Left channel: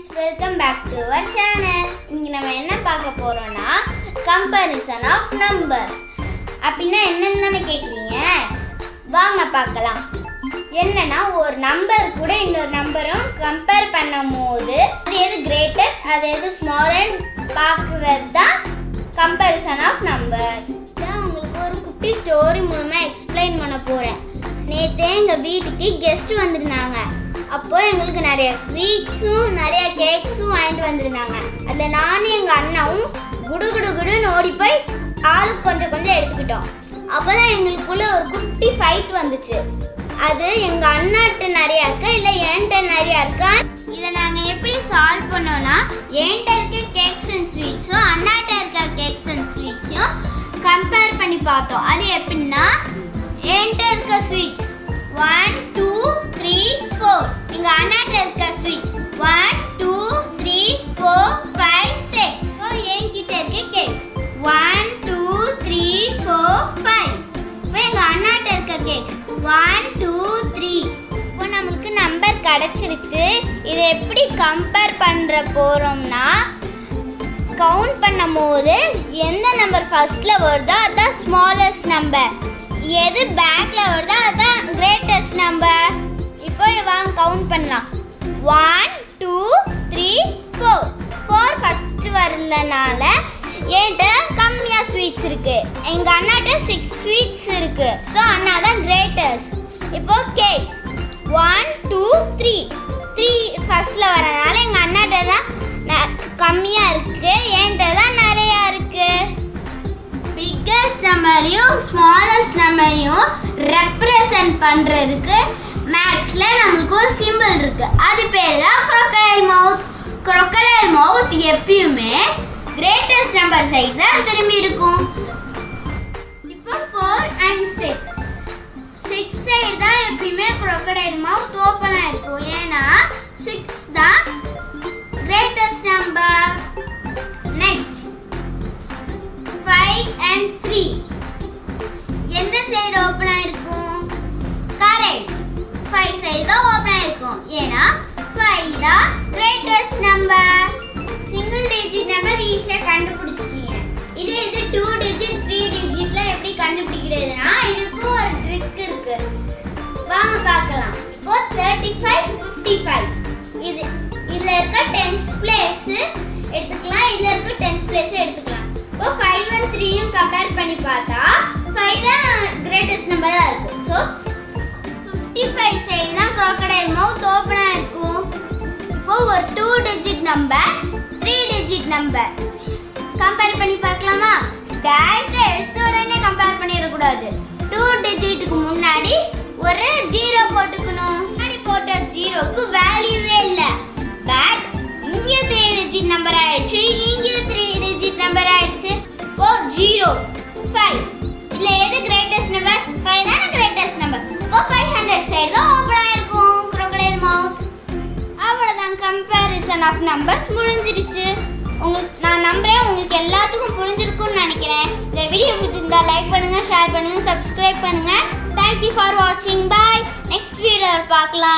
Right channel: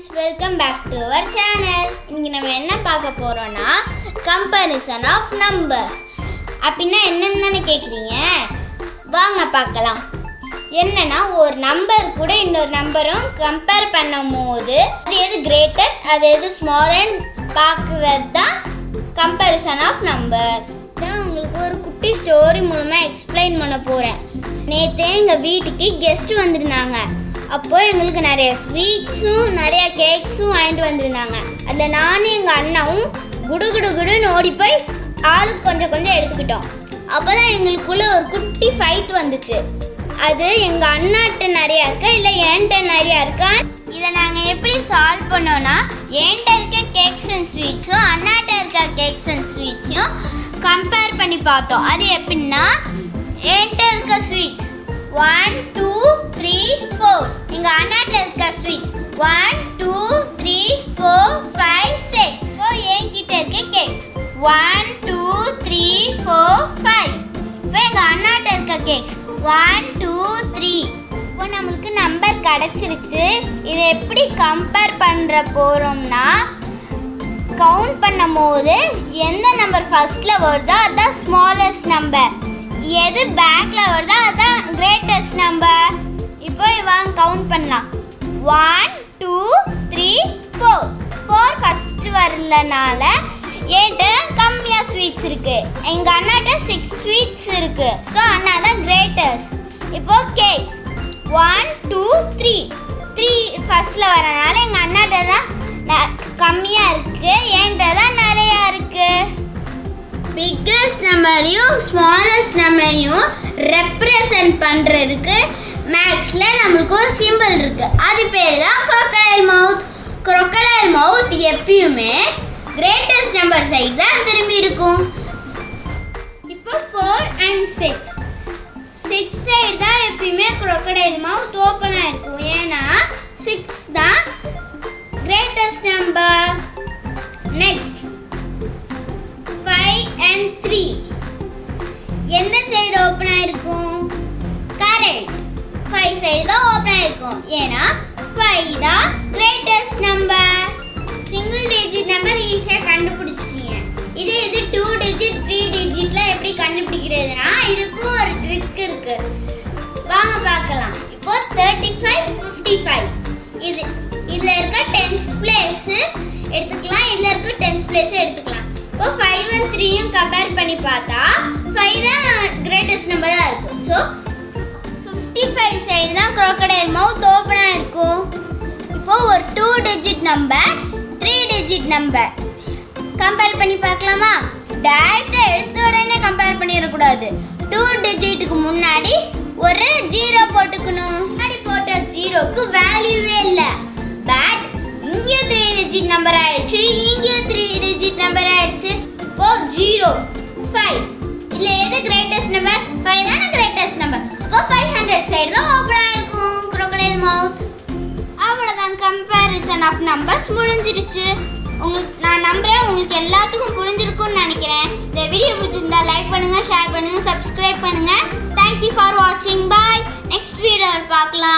friends, welcome back to our channel. இன்னைக்கு நம்ம என்ன பார்க்க போறோம்னா comparison of numbers. அப்படினா என்னன்னு கேக்குறீங்க? வாங்க பார்க்கலாம். என்னன்னா ஒரு நம்பர் கூட இன்னொரு நம்பரும் கம்பேர் பண்ணும்போது அது எது கிரேட்டர் அது எது ஸ்மாலர் பார்க்கிறது தான் comparison of numbers. நான் உங்களுக்கு ஒரு குட்டி ஸ்டோரி மூலமா எக்ஸ்பிளைன் பண்ண போறேன். நேத்து எங்க வீட்டுக்கு கெஸ்ட் வந்திருந்தாங்க. அப்போ எங்களுக்கு நிறைய ஸ்வீட்ஸும் நிறைய கேக்ஸும் வாங்கிட்டு வந்திருந்தாங்க. அதில் நானும் எங்கள் அண்ணாவும் குடுன்னு ஓடி போய் ஆளுக்கு கொஞ்சம் கொஞ்சம் எடுத்துக்கிட்டோம். அப்போ தான் எங்களுக்குள்ள ஒரு குட்டி ஃபைட் வந்துச்சு. அது எங்கள் அண்ணாட்ட நிறையா இருக்கா இல்லை என்கிட்ட நிறையா இருக்கா, இதை நாங்கள் எப்படி சால்வ் பண்ணோன்னா என்கிட்ட இருக்க கேக்ஸ் அண்ட் ஸ்வீட்ஸும் அண்ணாட்ட இருக்க கேக்ஸ் அண்ட் ஸ்வீட்ஸையும் கம்பேர் பண்ணி பார்த்தோம். அது எப்படின்னா என்கிட்ட இருக்க ஸ்வீட்ஸ் 1 2 3 4, எங்க அண்ணாட்ட இருக்க ஸ்வீட்ஸ் 1 2 3 4 5 6. ஸோ என்கிட்ட இருக்க கேக்ஸ் 1 2 3 4 5. இப்போ எங்க அண்ணாட்ட இருக்க கேக்ஸ் 1 2 3. இப்போ நம்மளுக்கு நம்பர் கிடைச்சிருச்சு. இதை எப்படி கம்பேர் பண்ற போறோம்னா கவுண்ட் பண்ணும் போது எந்த நம்பர் ஃபர்ஸ்ட்ல வருதோ அதுதான் ஸ்மாலஸ்ட் நம்பர், எது பேக்ல வருதோ அதுதான் கிரேட்டஸ்ட் நம்பர். இப்போ வாங்க கவுண்ட் பண்ணலாம். 1 2 3 4. 4 ஃபர்ஸ்ட் வரதுனால என்கிட்ட கம்மியாக ஸ்வீட்ஸ் இருக்கு, எங்க அண்ணாட்ட 6 ஸ்வீட்ஸ் இருக்கு. ஸோ அண்ணா தான் கிரேட்டஸ்ட். இப்போ கேக்ஸ் 1 2 3. 3 ஃபர்ஸ்ட்ல வரனால எங்க அண்ணாட்ட தான் கம்மியா இருக்கு, என்கிட்ட தான் நிறையா இருக்கு. பிக்கஸ்ட் நம்பரையும் ஸ்மாலஸ்ட் நம்பரையும் ரெப்ரசன்ட் பண்றதுக்கு மேக்ஸ்ல நமக்கு ஒரு சிம்பிள் இருக்கு. அது பேர் தான் crocodile mouth. crocodile mouth எப்பயுமே கிரேட்டஸ்ட் நம்பர் சைடு தான் திரும்பி இருக்கும். இப்போ 4 and 6. 6 சைடு தான் எப்பயுமே crocodile mouth ஓப்பனா இருக்கும். ஏன்னா 6 தான் கிரேட்டஸ்ட் நம்பர். Next 5 and 3. எந்த சைடு ஓப்பனா இருக்கும்? கரெக்ட், 5 சைடு தான் ஓப்பனா இருக்கும். ஏன்னா 5 தான் greatest number. Single digit number ஈஸியா கண்டுபிடிச்சிட்டீங்க. இது 2 டிஜிட் 3 டிஜிட்ல எப்படி கண்டுபிடிக்கிறதுனா இதுக்கு ஒரு ட்ரிக் இருக்கு. வாங்க பார்க்கலாம். இப்போ 35 55. இதுல இருக்க 10th பிளேஸ் எடுத்துக்கலாம், இதுல இருக்க 10th பிளேஸ் எடுத்துக்கலாம். இப்போ 5 and 3யும் கம்பேர் பண்ணி பார்த்தா 5 தான் கிரேட்டஸ்ட் நம்பரா இருக்கு. ஸோ 55 சைடு தான் crocodile mouth ஓப்பனா இருக்கும். இப்போ ஒரு 2 digit number 3 digit number compare பண்ணி பார்க்கலாமா? டைரக்டா எடுத்த உடனே கம்பேர் பண்ணிடக்கூடாது. 2 டிஜிட்டுக்கு முன்னாடி ஒரு 0 போட்டுக்கணும். முன்னாடி போட்ட 0க்கு வேல்யூவே இல்லை. பட் இங்கே 3 டிஜிட் நம்பர் ஆயிடுச்சு, இங்கே 3 டிஜிட் நம்பர் ஆயிடுச்சு. இப்போ 0 5. இதுல எது கிரேட்டஸ்ட் நம்பர்? 5 தான கிரேட்டஸ்ட் நம்பர். இப்போ 500 சைடு தான் ஓபன் ஆயிருக்கும் crocodile mouth. அவ்வளவுதான், கம்பேரிசன் ஆஃப் நம்பர்ஸ் முடிஞ்சிடுச்சு. நான் நம்புறேன் உங்களுக்கு எல்லாத்துக்கும் புரிஞ்சிருக்கும்னு நினைக்கிறேன். இந்த வீடியோ பிடிச்சிருந்தா லைக் பண்ணுங்க, ஷேர் பண்ணுங்க, சப்ஸ்கிரைப் பண்ணுங்க. Thank you for watching. Bye. Next வீடியோல பார்க்கலாம்.